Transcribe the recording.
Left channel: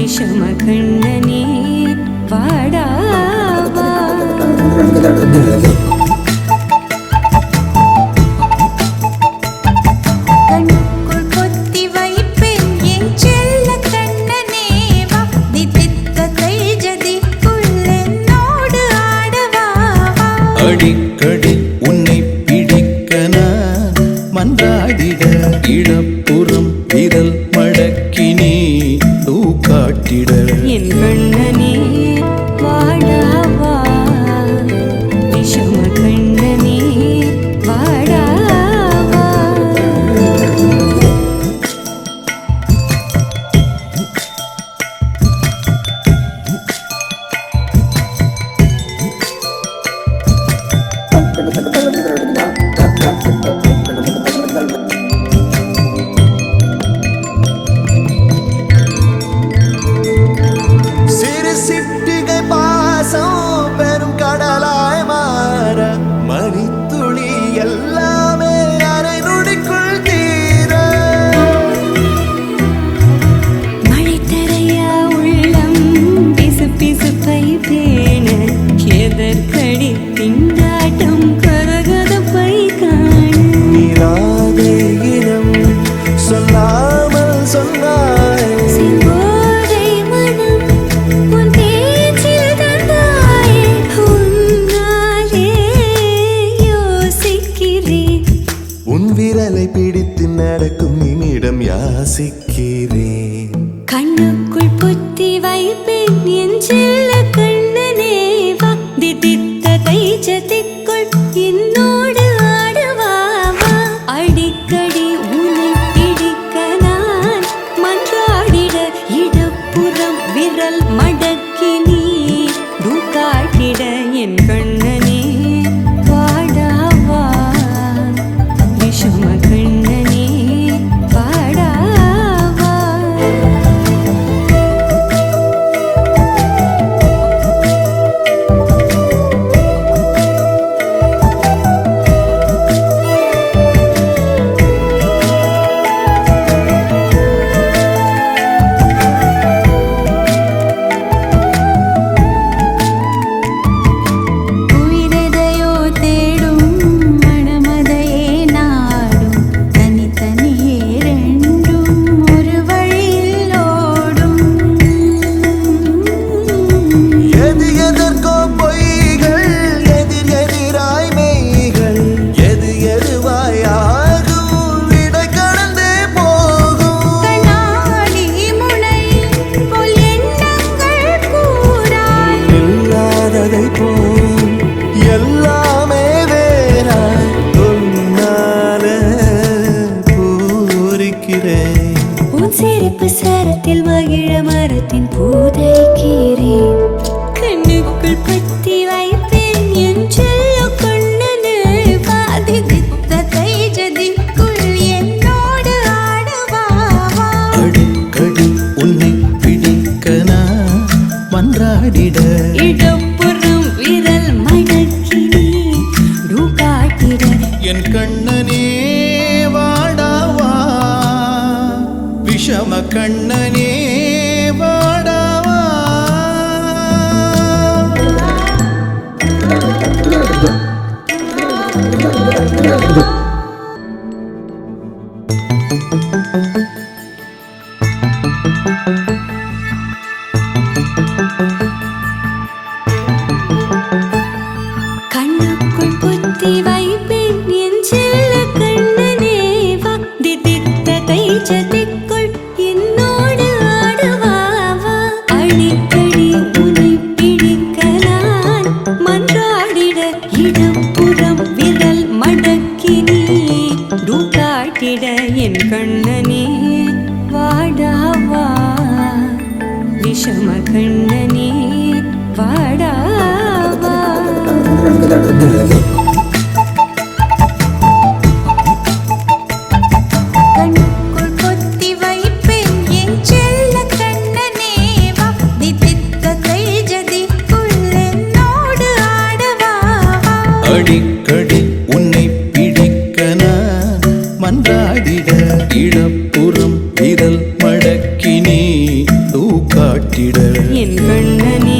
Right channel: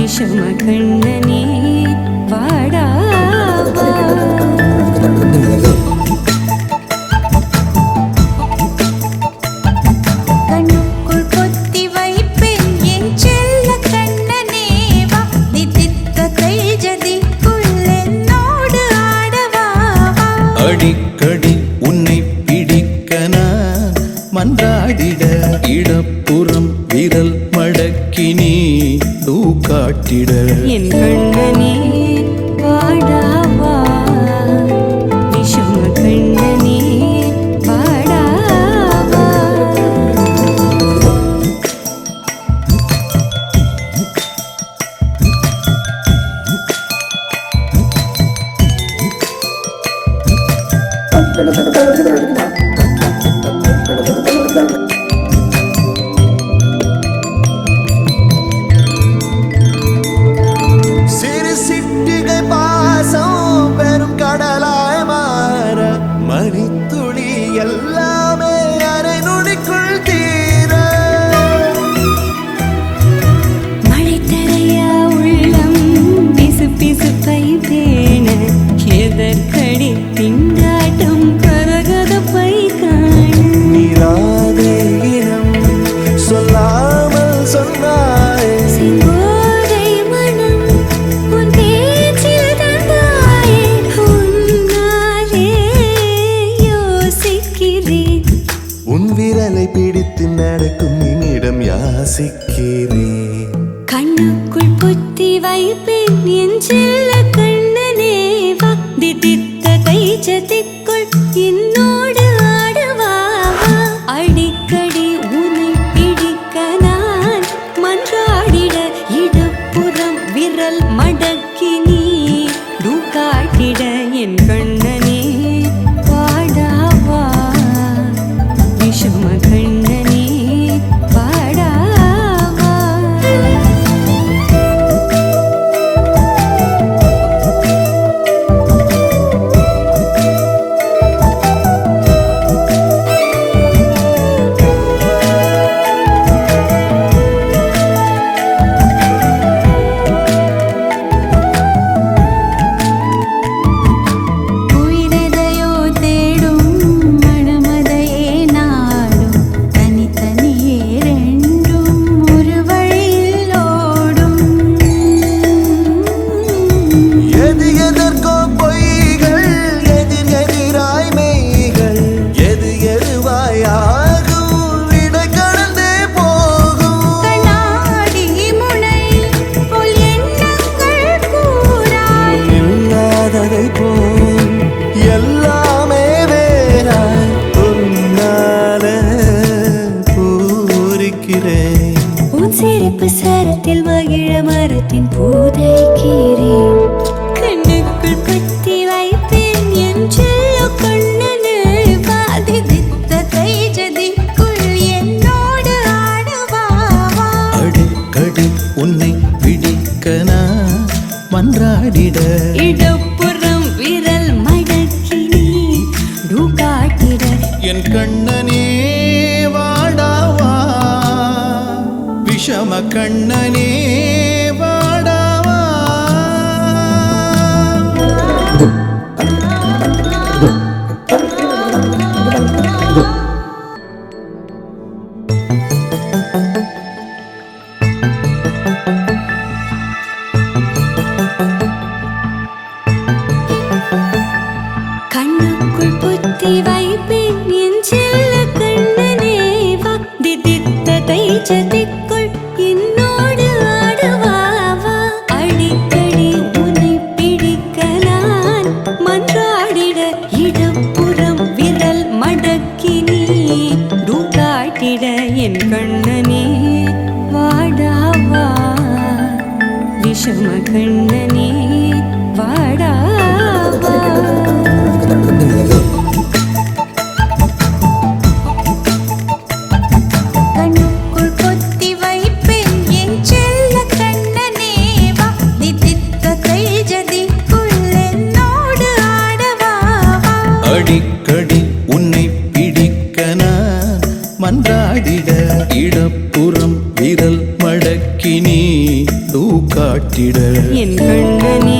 விஷம கண்ணனே வாடாவா. கண்ணுக்குள் பொத்தி வைப்பேன் என் செல்ல கண்ணனே வா. தித்தித்த தைஜதிக்குள் என்னோடு ஆடவா. அடிக்கடி உன்னை பிடிக்க நான் மன்றாடிட இடப்புறம் விரல் மடக்கி நீ காட்டிட என் கண்ணனே வாடாவா. விஷம கண்ணனே வாடாவா. மணித்துளி எல்லாமே அரை நொடிக்குள் தீர மழை தரையா உள்ளம் பிசு பிசுப்பை பேண எதற்கடி திண்டாட்டம் கரகதப்பை காண நீராதே இனம் சொல்லாமல் சொன்னாய் செங்கோதை மனம் உன் பேச்சில் தந்தாயே. உன்னாலே யோசிக்கிறேன் உன் விரலை பிடித்து நடக்கும் நிமிடம் யாசிக்கிறேன். கண்ணுக்குள் பொத்தி வைப்பேன் என் செல்ல கண்ணனே வா. தித்தித்த தைஜதிக்குள் என்னோடு ஆடவா. அடிக்கடி உன்னை பிடிக்க நான் மன்றாடிட இடப்புறம் விரல் மடக்கி நீ காட்டிட என் கண்ணனே வாடாவா. விஷம கண்ணனே வாடாவா. உயிரெதையோ தேடும் மனமதையே நாடும் தனித்தனியே ரெண்டும் ஒரு வழியில் ஓடும். எது எதற்கோ பொய்கள் எதிர் எதிராய் மெய்கள் எது எதுவாயாகும் விடை கடந்தே போகும். கண்ணாடி முனை போல் எண்ணங்கள் கூறாய் இல்லாததை போல் எல்லாமே வேறாய் உன்னால பூரிக்கிறேன். உன் சிரிப்பு சரத்தில் மகிழ மரத்தின் பூதைக்கிறேன். கண்ணுக்குள் பத்தி வைப்பேன் என் செல்ல கண்ணனே வா. தித்தித்த தைஜதிக்குள் என்னோடு ஆடவா. அடிக்கடி உன்னை பிடிக்க நான் மன்றாடிட இடப்புறம் விரல் மடக்கி நீ காட்டிட என் கண்ணனே வாடாவா. விஷம கண்ணனே வாடாவா. கண்ணுக்குள் பொத்தி வைப்பேன் என் செல்ல கண்ணனே வா. தித்தித்த தைஜதிக்குள் என்னோடு ஆடவா. அடிக்கடி உன்னை பிடிக்க நான் மன்றாடிட இடப்புறம் விரல் மடக்கி நீ காட்டிட என் கண்ணனே வாடாவா. விஷம கண்ணனே வாடாவா. கண்ணுக்குள் பொத்தி வைப்பேன் என் செல்ல கண்ணனே வா. தித்தித்த தைஜதிக்குள் என்னோடு ஆடவா. அடிக்கடி உன்னை பிடிக்க நான் மன்றாடிட இடப்புறம் விரல் மடக்கி நீ காட்டிட என் கண்ணனே